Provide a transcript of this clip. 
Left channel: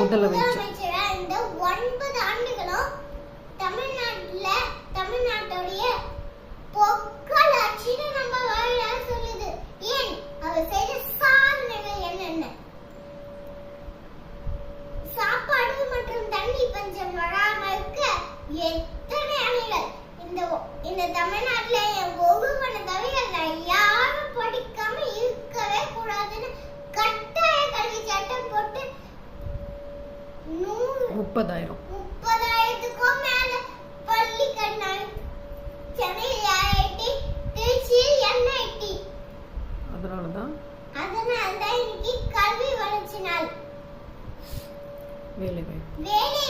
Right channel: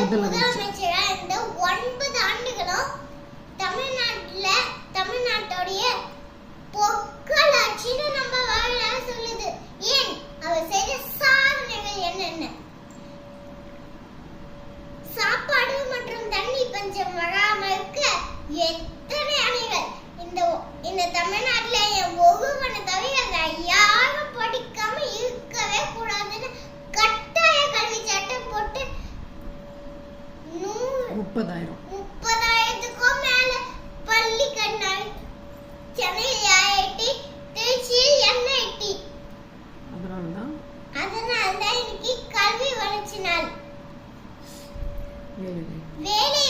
முதலமைச்சரா இந்த 9 ஆண்டுகளும் தமிழ்நாட்டுடைய பொற்காட்சின்னு நம்ம வாயிலாக சொல்லுது. ஏன் அவர் செய்த சாதனைகள் என்னென்ன? சாப்பாடு மற்றும் தண்ணி பஞ்சம் வராமல் இருக்க எத்தனை அணைகள் இந்த தமிழ்நாட்டுல ஒவ்வொரு தவிர யாரும் படிக்காம இருக்கவே கூடாதுன்னு கட்டாய கல்வி சட்டம் போட்டு 30,000க்கும் மேல பள்ளி கண்ணாடி சென்னையில் IIT, திருச்சியில் NIT. அதனாலதான் இன்னைக்கு கல்வி வளர்ச்சி நாள். வேலை